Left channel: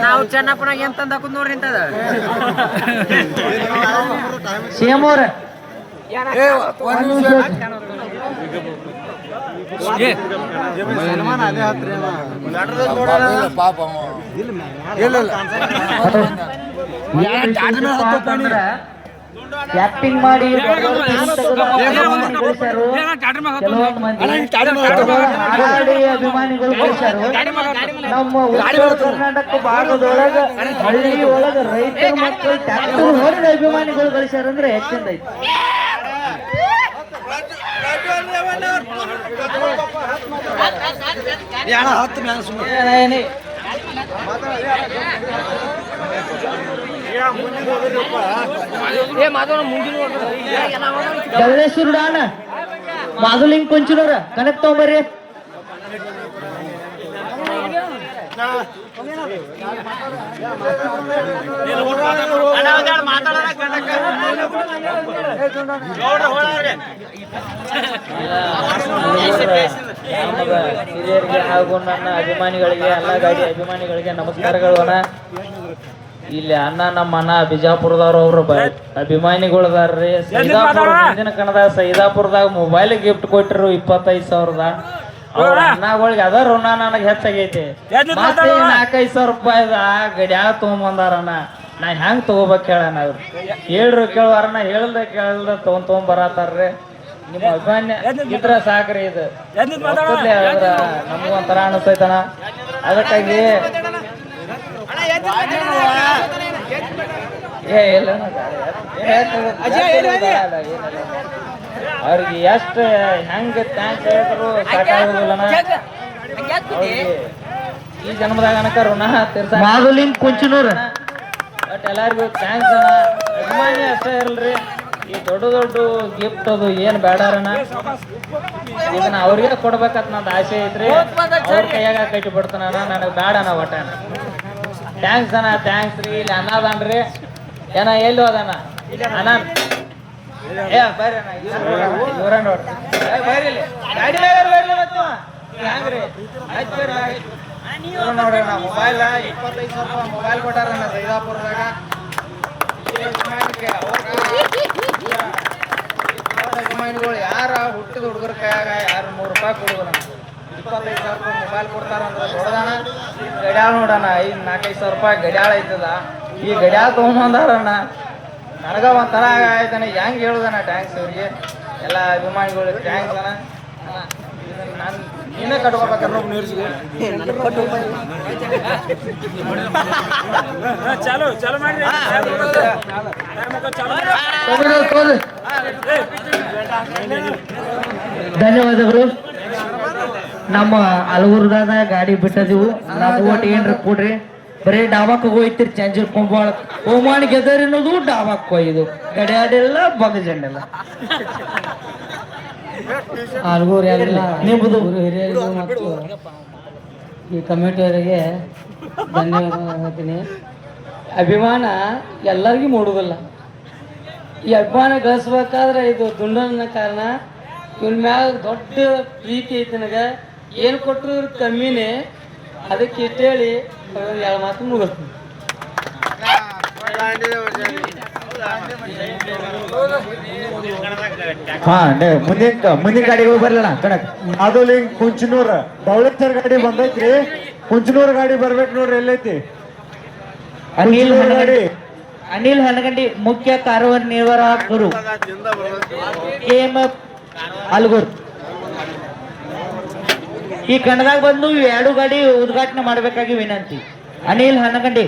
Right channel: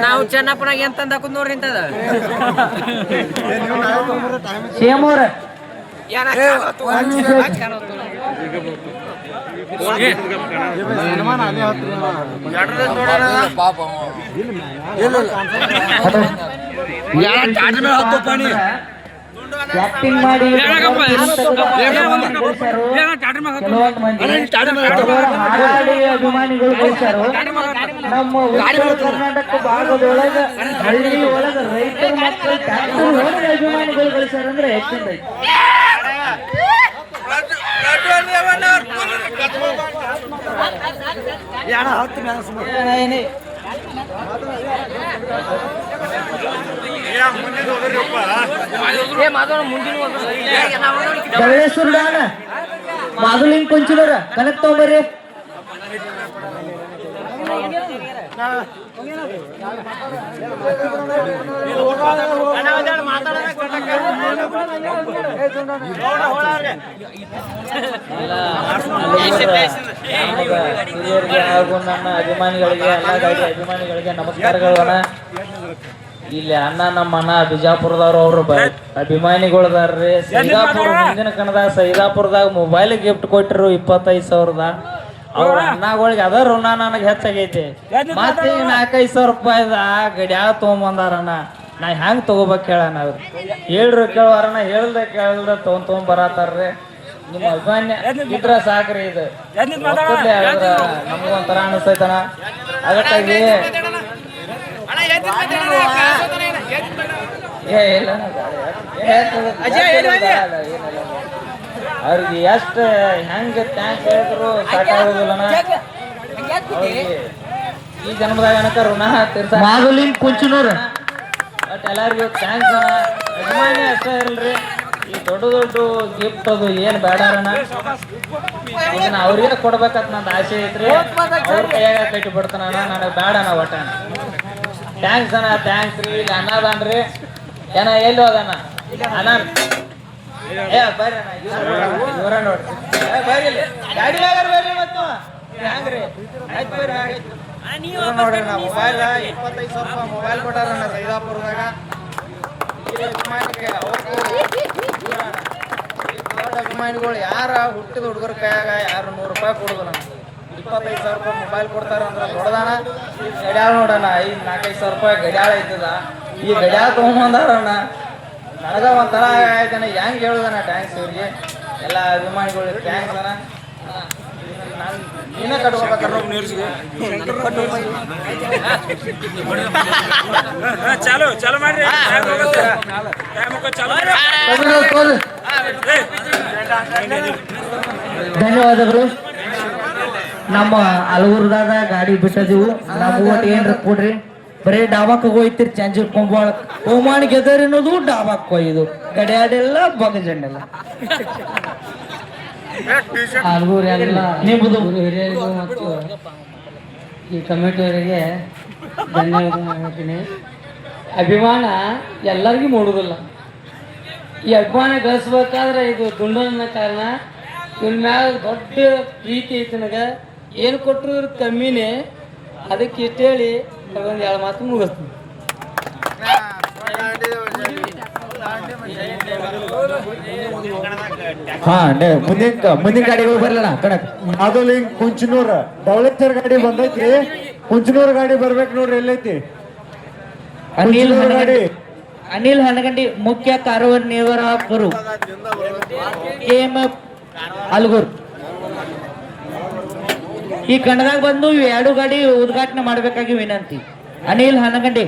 ನಾವು ಚೆನ್ನಪ್ಪನಾಗ ಎಂತ ನೋಡ್ರಿ ಇಂತದ ಸಿಎಂ ಪಾಣಿ ಕ್ಯಾಪ್ಟಿಂಗ್ ಮಾಡಿ ಅಭಿಮಾನಿಗಳು ಗಳಿಸ್ಯಾರು. ನಮ್ಮ ಉತ್ತರ ಗಳಿಸ್ಯಾರ ಹತ್ತು ಹೆಚ್ಚಿಂದ ಸುಮ್ಮನೆ ಕುಂಚಿನವ್ರ ಕನೆಕ್ಟ್ ತಗೊಂಡ್ರಿ ಹಾಗೂ ನನ್ನ ಅಭಿಮಾನಿಗಳಿಗೆ ಗಾಡಿ ಅಭಿಮಾನಿಗಳಿಗೆ ನಮಸ್ಕಾರಗಳು ಇಲ್ಲಿ ಅಣ್ಣ ನಮ್ಮ ಅಣ್ಣ ಬಿಜಾಪುರದವ್ರು ಅವರು ಅಭಿಮಾನಿಗಳದಾರ್ರಿ ಸೈದಾಪುರ ಮುಂದಿನ ಕಣದ ಸೈದಾಪುರದಾಗ ಮೊಬೈಲ್ ಗಿಫ್ಟ್ ಕೊಟ್ಟಿರು ಇಪ್ಪತ್ತೈದು ಸಾವಿರದ ಅಣ್ಣಗಳಿಗೆ ಅದ ಋಣ ನನಗೆ ಹೆಚ್ಚಾಗೈತಿ ಮತ್ತೆ ನಾಲ್ಕೈದು ಸಾವಿರ ರೂಪಾಯಿದ ಗಡ್ಯಾಗ ತೊಗೊಂಬಂದಾರಣ್ಣ ನಾ ಹೆಂಗ್ ತಗೋಬೇಕು ಹೇಳಣ್ಣ ಅವ್ರು ಹೇಳ್ರು ನಾ ಹೇಳ್ದ ಕೇಳ್ದ ತಗೊಂಡ್ ತೊಗೊಂಡ್ ಬರತ್ತಾರ್ರಿ ನಿಮ್ಮ ಅಭಿಮಾನ್ಯ ಇದ್ರ ಸಾಕ್ರಿ ಇದು ನಮ್ಗೊಂಥರ ಅನಿಸ್ತೈತಣ ಅದಕ್ಕಾಗಿ ಏ ಇಲ್ಲ ಅವ್ರಿಗೆ ಎಷ್ಟು ಹೆಂಗ ಥ್ಯಾಂಕ್ಸ್ ಹೇಳಿದ್ರು ಸಾಕಾಗೋದಿಲ್ಲ ಈ ಜನ್ಮದಾಗ ಅನಕ ಋಣ ತೀರ್ಸ ಕುಂಚನೂರ್ ಬಟ್ ಎಲ್ಲರಿಗೂ ಥ್ಯಾಂಕ್ಸ್ ಅಣ್ಣ. ಅಭಿಮಾನಿ ಅಷ್ಟೇ ಇರಲ್ರಿ ಈ ದೊಡ್ಡ ದೊಡ್ಡ ಗಿಫ್ಟ್ ಅದು ಏನು ಬೇಡಾರಣ್ಣ? ಇದನ್ನ ಅವ್ರಿಗೆ ಕೊಡ್ಬೇಕಂತ ನಂದು ಆಸೆ ಐತ್ರಿ. ಅವ್ರ ಕೈಯಾಗ ಕಟ್ಟಿ ಬಿಡ್ತಾನ ನನಗೆ ಬೇಡ ಅಣ್ಣ ಒಟ್ಟ. ಥ್ಯಾಂಕ್ಸ್ ಅಣ್ಣ ಥ್ಯಾಂಕ್ಸ್ ರೀ. ಇಲ್ಲಿ ಅಣ್ಣ ಅದಾನ್ರಿ. ಏನ ಎಲ್ಲಿ ಹೋದಣ್ಣ ಅಣ್ಣ. ಮೊಬೈಲ್ ಇಪ್ಪತ್ತು ಅಭಿಮಾನಿಗಳು ಯಾರ ಹುಟ್ಟಿದ ಹುಡುಗರ ಕೈಯಾಗ ಯಾರು ನೂರು ರೂಪಾಯಿ ಕೊಡುದಣ್ಣ ಇಪ್ಪತ್ತೈದು ಸಾವಿರ ರೂಪಾಯಿ ಮೊಬೈಲ್ ಕೊಡ್ತಾರ ನೋಡೋಣ ಗಡ್ಯಾಳ ನೋಡೋಣ ಐದು ನಾಲ್ಕೈದು ಸಾವಿರ ರೂಪಾಯಿ ಗಡಿಯಾಳ ಐತದ. ಈ ಗಡ್ಯಾಳ ತೊಗೊಂಬಂದಾರಣ್ಣ ನನಗ ಒಂಥರ ಆಯ್ತಾನೆ ಹೆಂಗ್ ಹೇಳುದಣ್ಣ ಟ್ಯಾಂಕ್ಸ್ ಅವ್ರಿಗೆ ಎಲ್ಲ ಅಭಿಮಾನಿಗಳು ಟ್ಯಾಂಕ್ಸ್ ಚಾಲು ಚಾಲು ಮಾಡ್ರಿ. ಧನ್ಯವಾದಗಳು. ನಮ್ಮ ಹಲವರ್ದಾಗ ಗಾಡಿ ಬಿಟ್ಟದಿವು ಒಟ್ಟು ಏನ್ರ ಕೊಡ್ರಿ ಬರೀ ಡಾಬಾಕ್ ಹೋಯ್ತಿರಿ ಚಂಜಿ ಕೊಂಬಾಳ. ಹೋಮಾನ್ ಗೆದರ್ ಅನ್ನೋದು ಡಾಬಾಕ್ ಹೋಯ್ದು. ಗಡಿಯಾಡೆಲ್ಲ ಬಗಜಂಡೆಲ್ಲ ಹಲಗೂರು ಎಲ್ಲ ನಿಮ್ಮದು ಹಿರಿಯರಿಗೂ ಮತ್ತು ಈ ಕಮಿಟಿಯವರಿಗೆ ಧನ್ಯವಾದ ಹೇಳ್ತೀನಿ. ಅಭಿಮಾನ ಎಲ್ಲರಿಗೂ ಮೂಡುವುದಿಲ್ಲ. ಈ ಅಭಿಮಾನ ಗಳಿಸ್ಬೇಕಾದ್ರೆ ಇದು ದುಂಡನ ಕಾರಣ. ಇವ್ನ ಮ್ಯಾಲ ದೊಡ್ಡ ಪ್ರೀತಿ ಐತಿ ನನಗೆ. ಏನು ಕೊಟ್ಟರು ಕಮ್ಮಿನೇ ಅದಕ್ಕೆ ಇಟ್ಟೇಳಿ ಅದೊಂದು ಎರಡು ಮಾತು ಮುಗಿಸ್ತೀನಿ. ಹಾ ಮುಂದಿನ ಮುಂದಿನ ಗಾಡಿಗೆ ಬರಲ್ಲ ಕಣಕ್. ಮಾಧುಲಿಂಗ್ ಕುಂಚನೂರ್ ದೌಳೇಶ್ವರ್ ಗಾಡಿ ಬಂದೈತ್ರಿ. ಕುಂಚನೂರ್ ಗಾಡಿ ಬರ್ಬೇಕು ನೋಡ್ರಿ ಎಲ್ಲೈತಿ. ಅನಿಲ್ ಕುಂಚನೂರ್ ಅನಿಲ್ ಹಣಗಂಡಿ ಮುಖ್ಯ ಕಾರ್ಯನಿರ್ವಾಹಕರು ಎಂ ಅಲ್ಗೂರ್. ಈ ಕಣದಾಗ ಬಂದು ಎರಡು ಗಾಡಿ ಉದ್ಘಾಟನೆ ಮಾಡಬೇಕಾಗಿ ವಿನಂತಿ. ಅನಿಲ್ ಹನಗಂಡಿ